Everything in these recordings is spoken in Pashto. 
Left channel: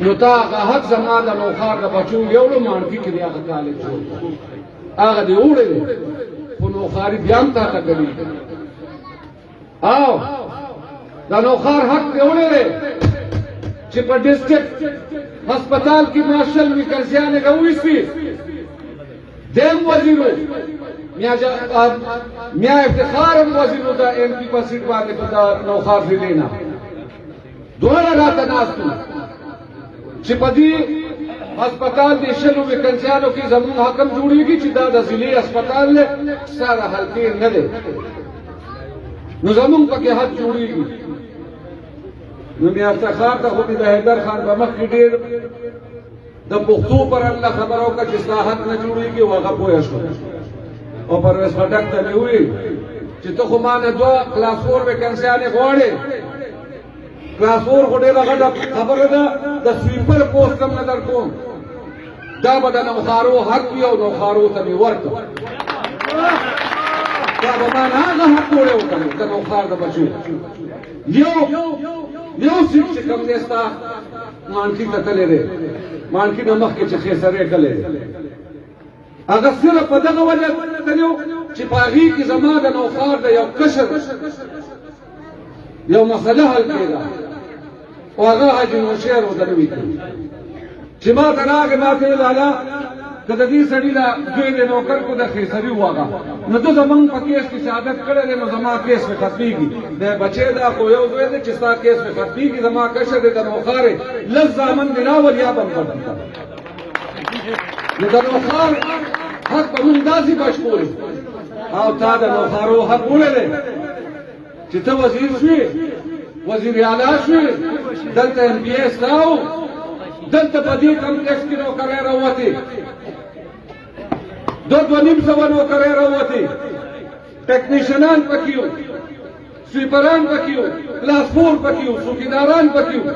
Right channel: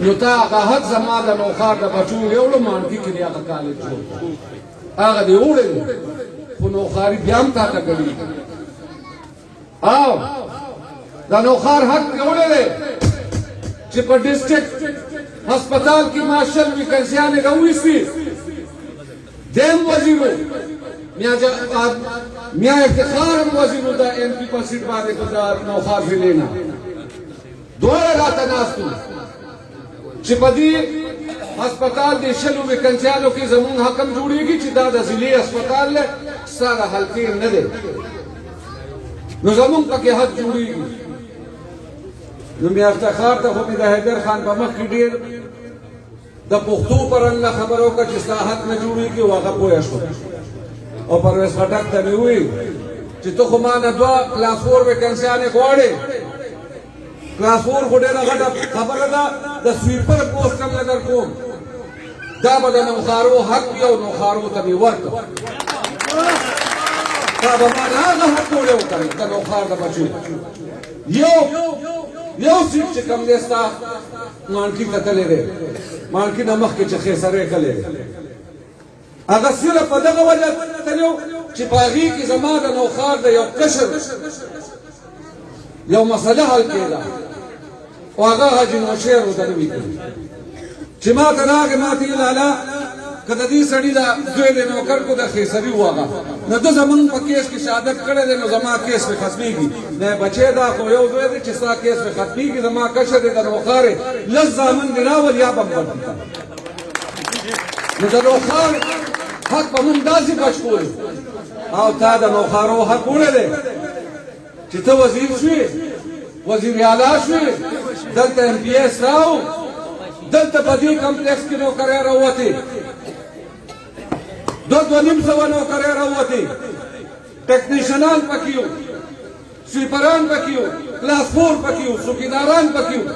نو تا هغه حق زما د نوښار د بچو یوړو مانکي کې دی هغه کالج جوړ کړو هغه دې وړی دی خو نوښاري بیا هم تا ته کوي او د نوښار حق دې وړی دی چې په ډسټرکټ هسپتال کې ماشل ویکنسیانې راوویستي دیم وزیرو میا افتخار هم وزیرو د ایم پي په سیټ باندې په د نوښار ضلع نه دواړه راته ناست وو چې په دې هسپتال د شلو ویکنسیانو کې زموږ حکم جوړېږي چې دا د ضلعي هسپتال دی ساره حلقې نه دی نو زموږ پکې حق جوړېږي نو میا افتخار ته خو مې د حیدر خان په مخ کې ډېر د پښتو پر الله خبره وکړه چې ستا حق نه جوړېږي او هغه پوه شو او پرویز خټک ته مې وویل چې ته خو ما نه دوه کلاس 4 ویکنسیانې غواړې کلاس 4 خو ډېره غټه خبره ده د سویپر پوسټ هم نه درکوم دا به د نوښارو حق وي او نوښارو ته مې ورکړه دا به ما نه هغه حق پورې وکړم د نوښار د بچو یو سیټ چې کوم دی ستا مانکي ته تللی دی مانکي نه مخکې چې خیسرې کلی دی هغه صرف په دغه وجه تللی و چې په هغې کې زما د نوښار د یو کشر یو مسله حل کېده او هغه حاجي نوشیر ورته نوي کړي چې ما ته راغی ما ته ویل هله که د دې سړي د زوی د نوکر کو د خیسري و هغه نو ده زمونږ په کیس کې شهادت کړی دی نو زما کیس مې ختمېږي نه بچی دا خو یو زوی دی چې ستا کیس مې ختمېږي زما کشر دی د نوښار یې لس زامن دې راول یا به م ختم کړم نو د نوښار حق به مونږ داسې بچ کولو او تا د نوښارو حق وړی دی چې ته وزیر شوې وزیر اعلی شوې دلته ایم پي ایس راو دلته په دې کمپلیکس کې نوکرۍ راووتې 2,500 نوکرۍ راووتې ټیکنیشنان پکې وو سویپران پکې وو کلاس 4 پکې وو څوکیداران پکې وو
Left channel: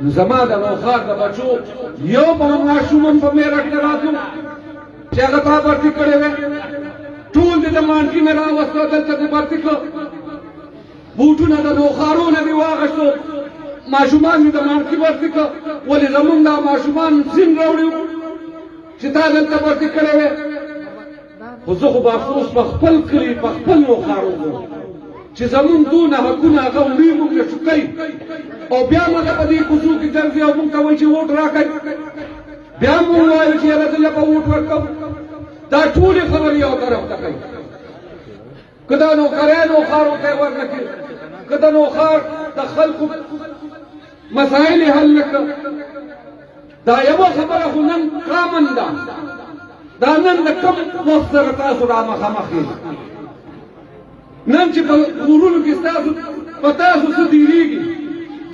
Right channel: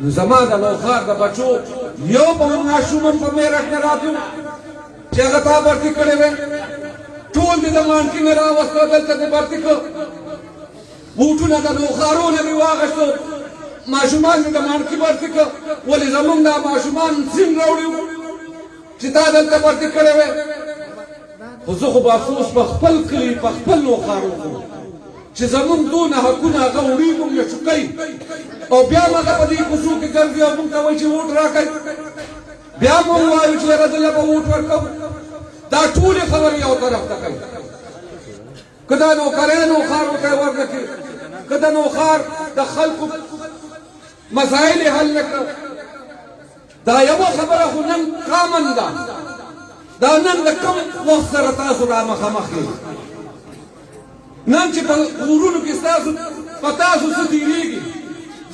نو زما د نوښار د بچو یو به ماشوم هم په میرټ نه راتلو چې هغه تا برتي کړی وی ټول دې د مانکي نه راوستو دلته دې برتي کړ بوټونه د نوښارو نه مې واخیستو ماشومان مې د مانکي برتي کړ ولې زمونږ دا ماشومان سین راوړي وو چې تا دلته برتي کړی وی خو زه خو به افسوس په خپل کلي په خپل نوښارو وم چې زمونږ دونه حقونه هغه وړي موږ له چوکۍ او بیا هم هغه په دې کوڅو کې ګرځي او موږ ته وایي چې ووټ راکړئ بیا هم موږ وایو چې یاره دلته به ووټ ورکوو دا ټولې خبرې یو طرف ته کوي که دا نوکرۍ نوښارو ته یې ورنه کړي که د نوښار د خلکو مسایل یې حل نه کړل دا یوه خبره خو نن کامن ده دا نن د کم وخت سره تاسو را مخامخ یې نن چې په کورونو کې ستاسو په تاسو څه تېرېږي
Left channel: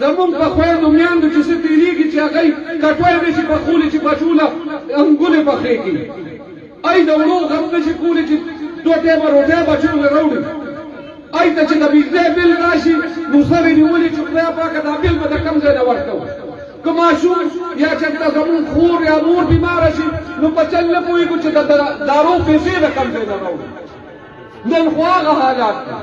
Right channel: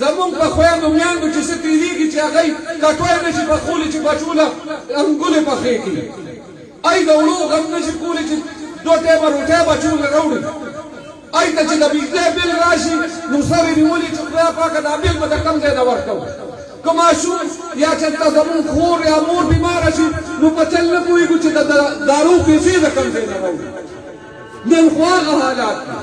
زمونږ په خویندو میندو چې څه تېرېږي چې هغوی کټوی نه شي پخولی چې بچو له انګولې پخې کړي ای د وړو غم نه شي کولی چې 2 ټیمه روټۍ بچو له راوړي ای ته چې د بجلۍ بل راشي نو سر یې نیولي چې خدای پاکه دا بل به د کوم ځای نه ورکوو که ماشوم یا چېرته زمونږ خور یا مور بیماره شي نو په چل نه پوهېږو چې د دارو پیسې د کوم ځای نه راوړي نن خو هغه حالات دي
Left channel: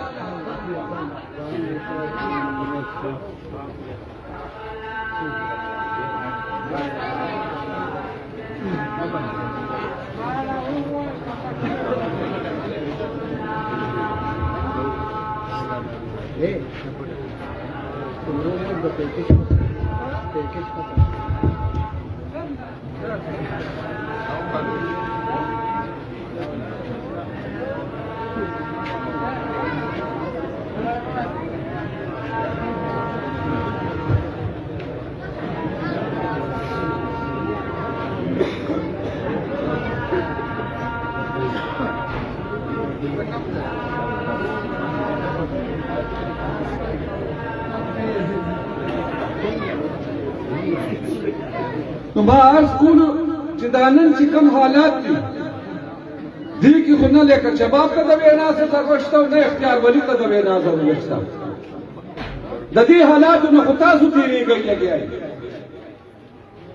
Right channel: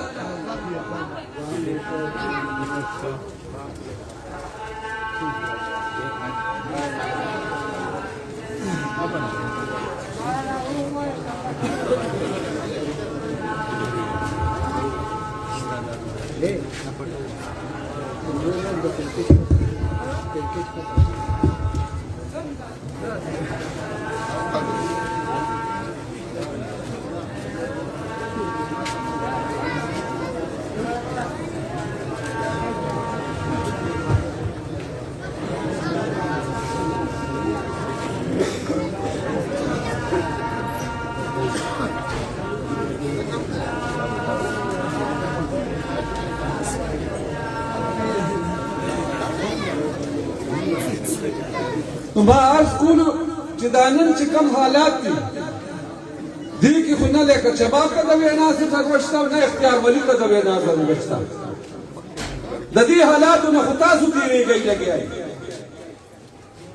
ما عرض کولو چې دا نن چې کوم حالات دي دې کې خو نه لکه شباب ته د وینا ضرورت شته او نه اختیار ولي ته د وینا ضرورت شته د دې حالاتو نه خو تاسو تېرېږئ لګیا یې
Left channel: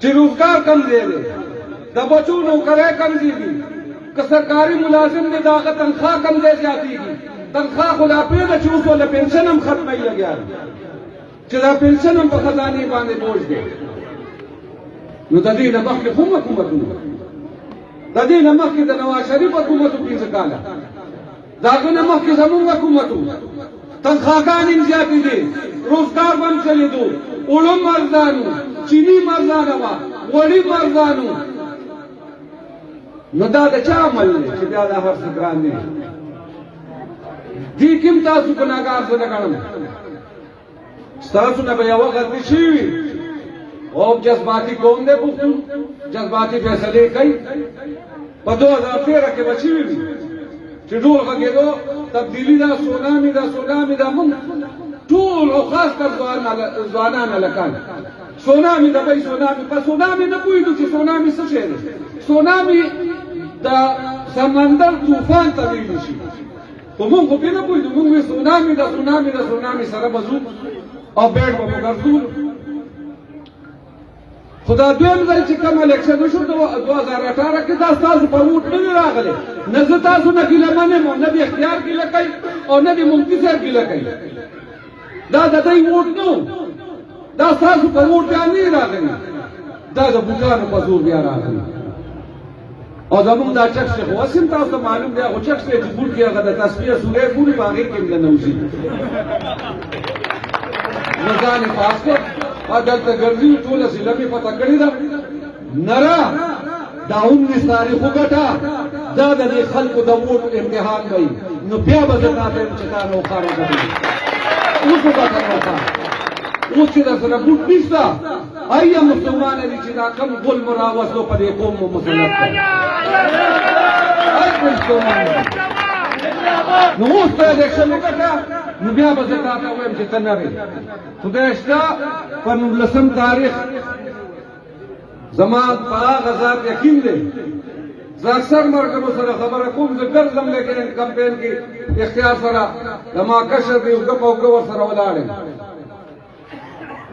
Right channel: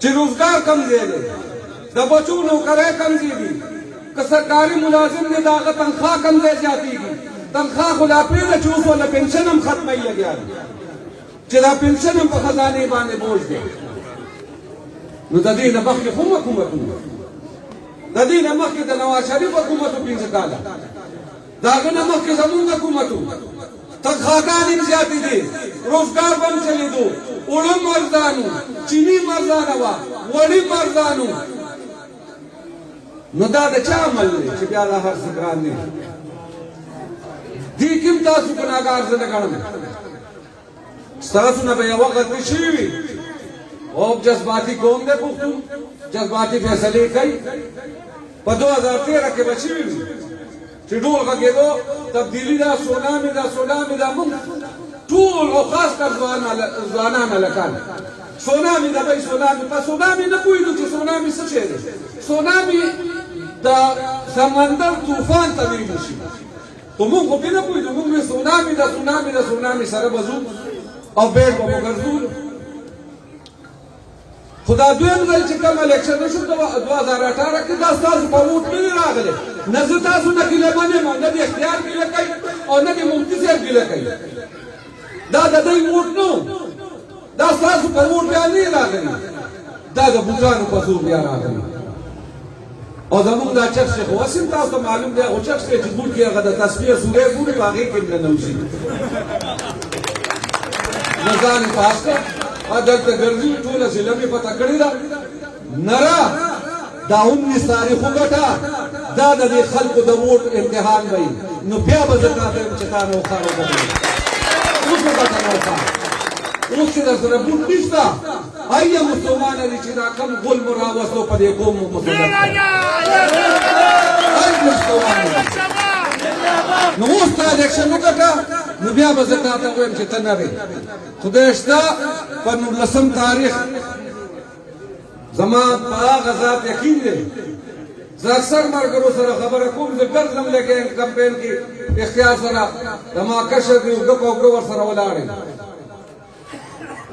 چې روزګار کم دی د بچو نوکرۍ کم دي که سرکاري ملازم دی د هغه تنخوا کم ځای زیاتېږي تنخوا خو لا پرېږده چې اوس له پنشن هم ختموي لګیا دی چې دا پنشن هم په خزانې باندې بوج دی. نو د دې نه مخکې کوم حکومتونه، د دې نه مخکې د نواز شریف حکومت 15 کاله، د هغه نه مخکې زمونږ حکومت تنخواګانې هم زیاتې دي، روزګار به هم چلېدو، اوړه هم ارزان و، چیني هم ارزانه وه، غوړي هم ارزان و. نو دا د چا عمل دی چې بیا دا هر څه ګران دي؟ دې کې هم تاسو ګناهګار زه نه ګڼم. ستاسو نه به یوه غلطي شوې وي او جذباتي قوم دی پښتون، جذباتي فیصلې کوي. په 2013 کې به شوي وي چې ډول غږېدو تبدیلي ده، سونامي ده، سونامي ده. موږ ټول او خاص کر ځوانان هلکان سونامي ده بهی سونامي. په سونامي نه پوهېدو چې سونامي څه شی دی. سونامي د سمندر طوفان ته ویلی شي، خو موږ خو پرې نه پوهېدو. موږ وایو سونامي ده، سونامي ده، سونامي سره به ځو او بیټ به مو ګرځولو. خو دا دویم ځل چې کوم الیکشن وشو 2018 کې دا ستاسو په ووټ نه دي راغلی. نه زه تاسو نه ګیله منم او نه د اختیار ګیله کوي او نه د مفتي صاحب ګیله کوي. دا د دوی ووټ نه و، دا ستاسو په ووټ بیا نه راغلی، دا د بوټانو په زور بیا راغلی. او زمونږ دا چک شیخ اوس هم تاسو ته معلوم دی، هغه چک دی چې بول کې هغه د تسبیح سورې ګوري په هغې کې هم ننوځي. نو ځان یې پاس کړ او دلته ګرځي، ټوله ضلع مې پته کړې ده. نره دا 19 تاریخ وګټه، دا د دې خلکو د ووټ امتحان به وي. نو بیا به زه تا ته یم چې تا نه وخاره ګټلې. اوس به درته وخاره، اوس چې در سره بوټ نشته، ایا مسلمانه دي چې دا کم ګل مو راوستو په دې قوم مو مسلط کړ. نو اوس ته الیکشن وګټه، نو بیا به زه تا ته وایم چې ته نه وې. خدای شته په 19 تاریخ زما په هغه ذات یقین دی. زه اکثر ملګرو سره خبره کوم، زه ګرځم لیکن کمپین کې اختیار سره زما کشر دی، ګپ او ګور سره ولاړ یم.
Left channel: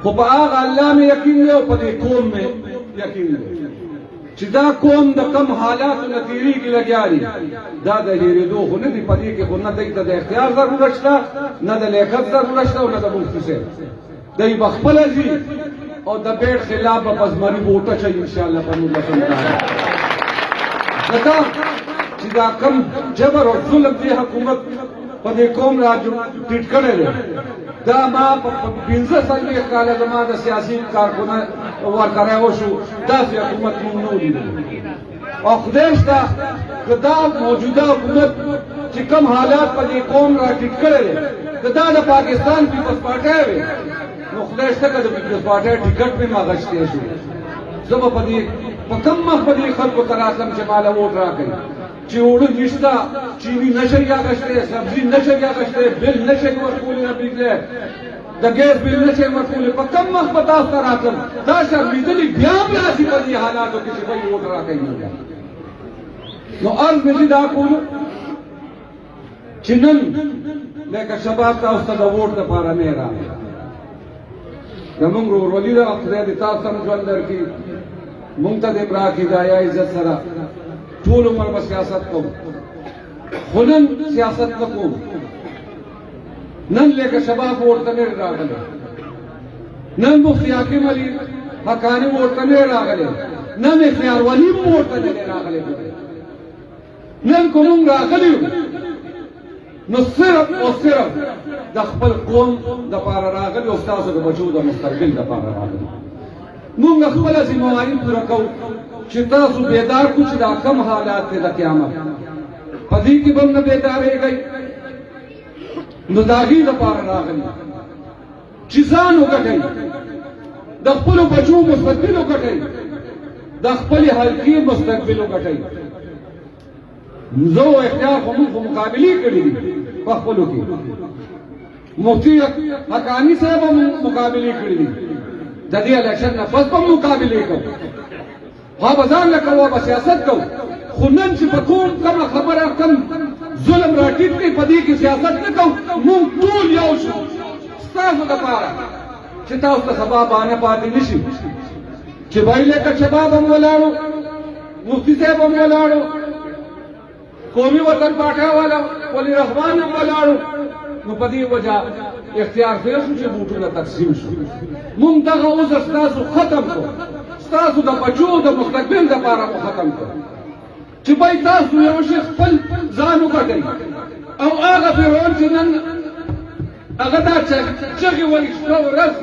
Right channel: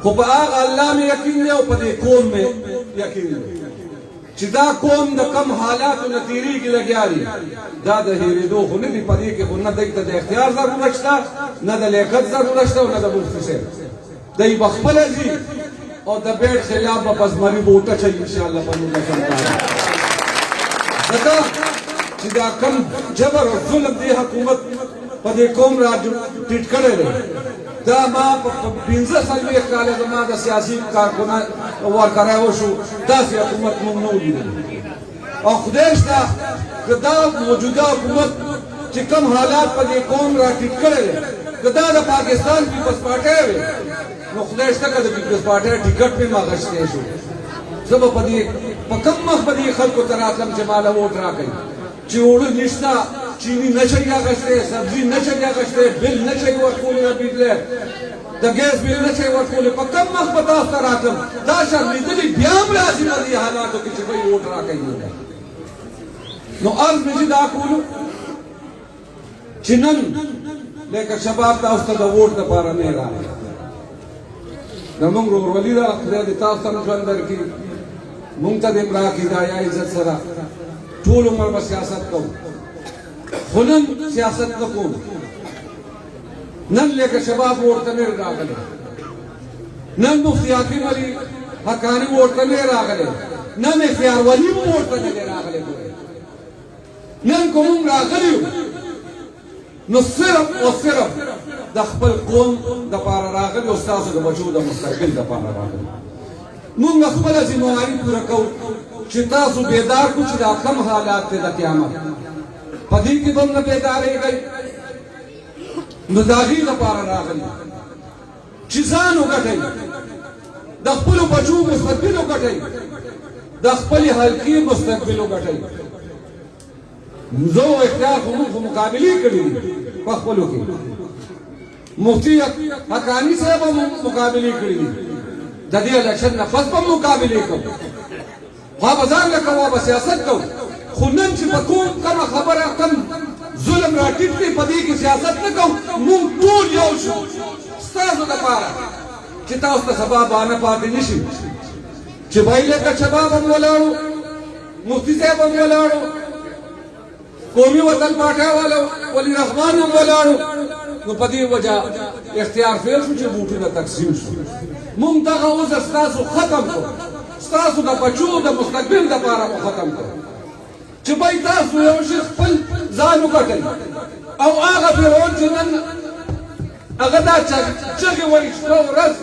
خو په هغه الله مې یقین دی او په دې قوم مې یقین دی چې دا قوم د کم حالاتو نه تېرېږي لګیا دي. دا د هېرېدو خو نه دي، په دې کې خو نه دوی ته د اختیار ضرورت شته، نه د لیاقت ضرورت شته او نه د مفتي صاحب. دوی به خپله ځي او د بیټ خلاف به په زمري بوټه چوي انشاءالله په 19 کال. ځکه چې دا کم جبر او ظلم دې حکومت په دې قوم را ټیټ کړی دی. دا ما په 15 کاله زما د سیاسي کارکنه ورکړی وشو، داسې حکومت موږ نه ولیدل. او خدای شته که دا موجوده حکومت چې کم حالات په دې قوم را ټیټ کړی دی، که دا د پاکستان پیپلز پارټۍ وي، نو خدای شته که د پیپلز پارټۍ ټکټ مې ما اخیستی شو، زه به په کم مخ به دې خلکو ته راتلم چې ما له ووټ راکړي. چې اوړه نشته، چیني نه شي اخیستی، سبزي نه شي اخیستی، بل نه شي ورکولی، د بجلۍ د ګیس بل نه شي ورکولی. په کم مخ به تاسو ته راتلم. دا شرمېدلي بیا هم راځي په دې حالاتو کې چې بهی ووټ راکوي. نو عرض مې چې دا کولو چې نن لکه شباب تاسو ته د ووټ دپاره نه راغلی. زمونږ ورورولي ده، خدای دې تاسو ته هم ژوند درکړي، مونږ ته دې هم راکړي د حیا عزت سره. ټول عمر به سیاست کوو، خو نن سیاست نه کوو. نن لکه شباب ورته نه راغلی، نن مفتي حاکم علي حقاني ورته نه راغلی، نن اختیار ولي هم ورته نه راغلی. نن که مونږ راغلي یو نو صرف او صرف د خپل قوم دپاره راغلي او ستاسو د بچو د مستقبل دپاره راغلي. مونږ خپله ذمهواري پوره کوو چې تاسو بیدار کړو چې دا کم حالات دی د قیامت، په دې کې به هم نه بیدارېږئ. نو د هغې دپاره راغلي چې ځان وګټئ، د خپلو بچو مستقبل وګټئ، د خپلې حلقې مستقبل وګټئ. زه او اختیار خو مونږ خو مقابلې کړي دي په خپلو کې، مفتي حقاني صاحب هم مقابلې کړي دي، د دې الیکشن نه پس به مقابلې کوو. ها به ځان نه کوو، به سیاست کوو. خو نن چې په کوم کمه خبره کم ظلم را ټیټ کړي، په دې کې سیاست نه کوو. مونږ ټول یو شو ستاسو دپاره چې تاسو ته سبا بهانه پاتې نه شي چې بهی لکه شباب هم ولاړو، مفتي صاحب هم ولاړو، قومي وطن پاټا والا ولی رحمان هم ولاړو. نو په دې وجه اختیار فیل شو چې بوټونه تقسیم شو مونږ دغه عذر ستاسو ختم کړو ستاسو د بچو د مستقبل دپاره مو ختم کړو چې بای تاسو یو شي خپل ځان وګټئ او هغه فرعون چې نن هغه دا چغې وایي شپه ورځ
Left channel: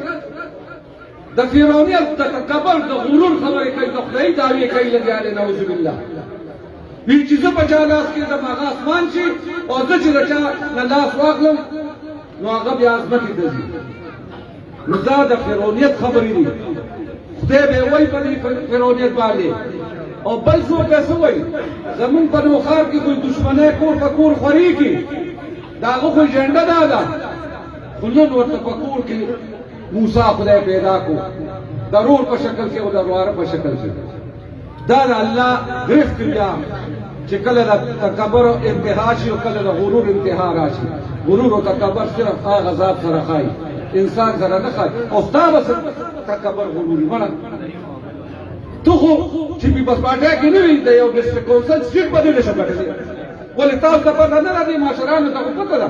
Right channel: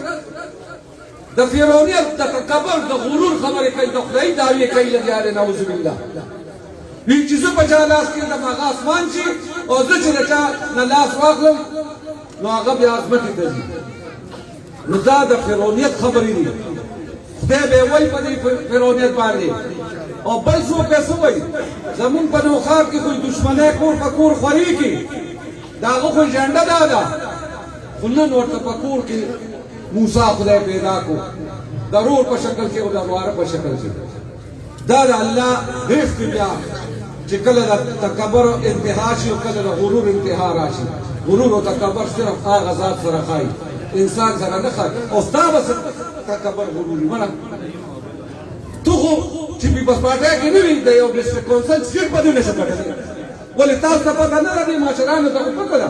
د فرعونیت د تکبر د غرور خبرې کوي د خدای دعوې کوي لګیا دی نعوذ بالله وی چې زه په چا لاس کېږدم هغه اسمان شي او زه چې د چا نه لاس واخلم نو هغه بیا ځمکې ته ځي نو دا د فرعونیت خبرې دي خدای به وایي په دې فرعونیت باندې او بل څوک به څه وایي زمونږ په نوښار کې کوئی دشمنی کور په کور خوري کې د هغه خو اجنډه دا ده خو نن ورته په کور کې موسی خدای پیدا کو د رور په شکل کې او د واره په شکل کې دا د الله د اختیار چې کله د تکبر انتها شي او کله د غرور انتها راشي غرور او تکبر صرف هغه ذات سره خای انسان سره نه خای او ستا بس تکبر غروري مړه تو خو چې په پاسپارټ کې نه وي د یو ډسټریکټ کونسل سټیټ باندې نشه کړی ولې تاسو ته پته نه راځي ماشرانو ته خو پته ده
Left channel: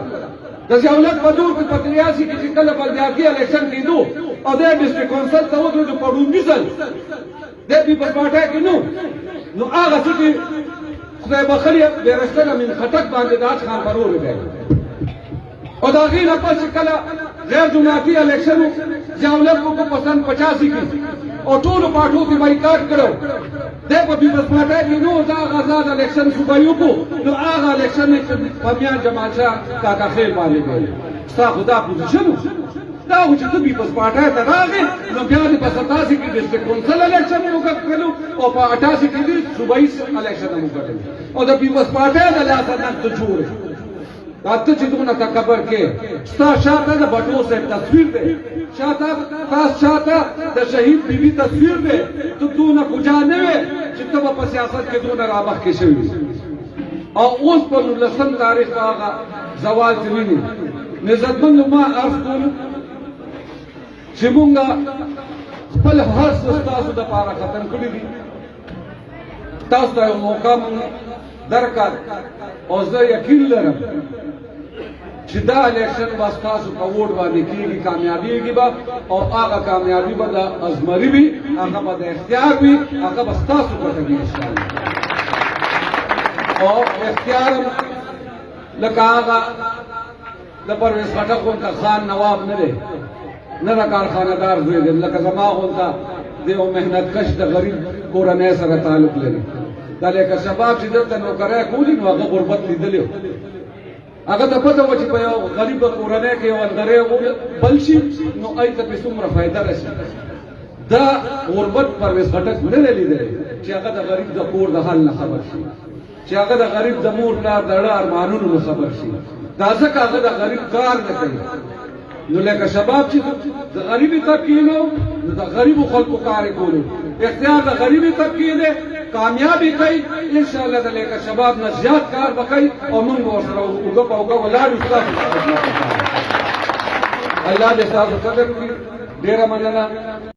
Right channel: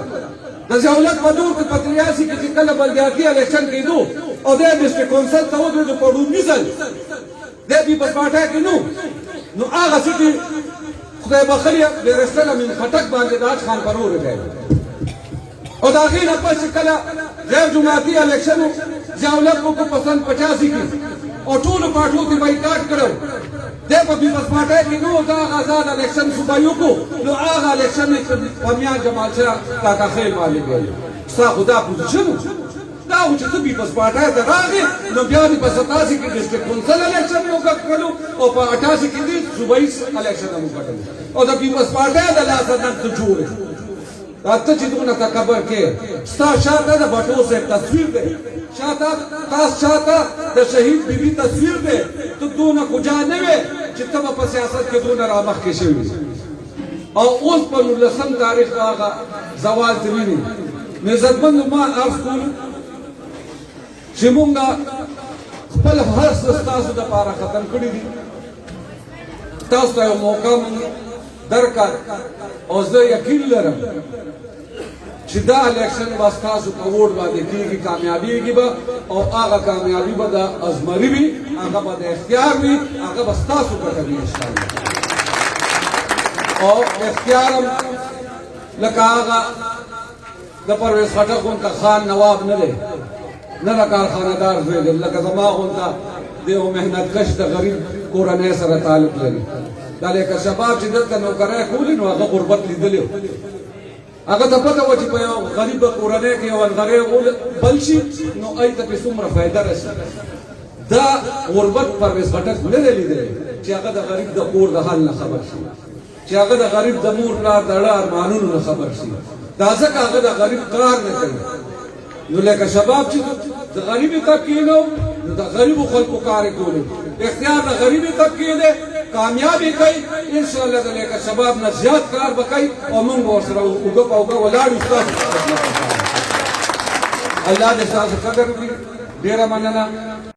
د ضیاءالحق په دور کې په 83 کې چې کله بلدیاتي الیکشن کېدو او د ډسټریکټ کونسل ته ودرېدو په رومي ځل د په پاسپارټ کې نو هغه چې خدای بخلي بیرستنه من خټک باندې د خان پرور دی او دا غي نه پس کله غیر جماعتي الیکشن ضیاءالحق په پسند 85 کې او ټول پارټو دی بایکاټ کړو د په پاسپارټ کې نو دا آزاد الیکشن صوبایو کو نو هغه الیکشن په بیا جماعت تا خیر باندې دی ستا خدا پوزیشن دا و چې ته په پاسپارټ ته راغې نو بیا د 87 کې ډسټریکټ کونسل الیکشن یو کړو او په 88 کې دی صوبایي الیکشن هم کړو او د پاسپارټ د لاسه د جوړ راته چې دغه تکبر کې ستا شاته د بټو سه تصویر دی شاته تاسو شاته د شهید بیبي تصویر دی ته دونه کوجا نه وې چې ته په سیاست کې دونه رامخ کې شوی او اوس په 19 تاریخ هغه زوال دی ویني عزتمن ما عرض کوم چې مونږ خپل هر څه تاسو د پاره ختم کړی دي تاسو ته موقع درکړ او زه یقین لرم چې دا الیکشن به ستاسو په ووټ باندې کېږي کامیابیږي به او هغه کامیابي به د ازمري وي هغه به د اختیار وي هغه به ستاسو ګټه وي انشاءالله او اختیار هم لکه هغه د پرویز خټک غونته خان نواب نه دی نه د کارخانهدار زوی دی لکه زما غونته د یو محنتکش د غریب کورنۍ سره تعلق لري دا لکه شباب چې دلته نوکرۍ کولي نو هغه غربت لیدلی هغه ته پته وه چې په یو غریبه کورنۍ کې یو ونغری بل شي نو هغې ته پرې څومره فایده رسي دا غربت پرویز خټک نه دی لیدلی چې هغه د غریب د کور د حال نه خبر شي چې هغه د غریب د مور پلار د اړه ارمانونو نه خبر شي دا ځکه هغه د غریب کار نه کوي نو لکه شباب چې د غریبي طبقې نه نو د غریبو خلکو کار یې کولو اختیار د غریبي طبقې دی کامیابی کوي ان شاء الله د لکه شباب نه زیات کار وکړي او موږ ورسره اوږه په اوږه ولاړ یو ستاسو الله دې ستاسو قدر وکړي ډېره مننه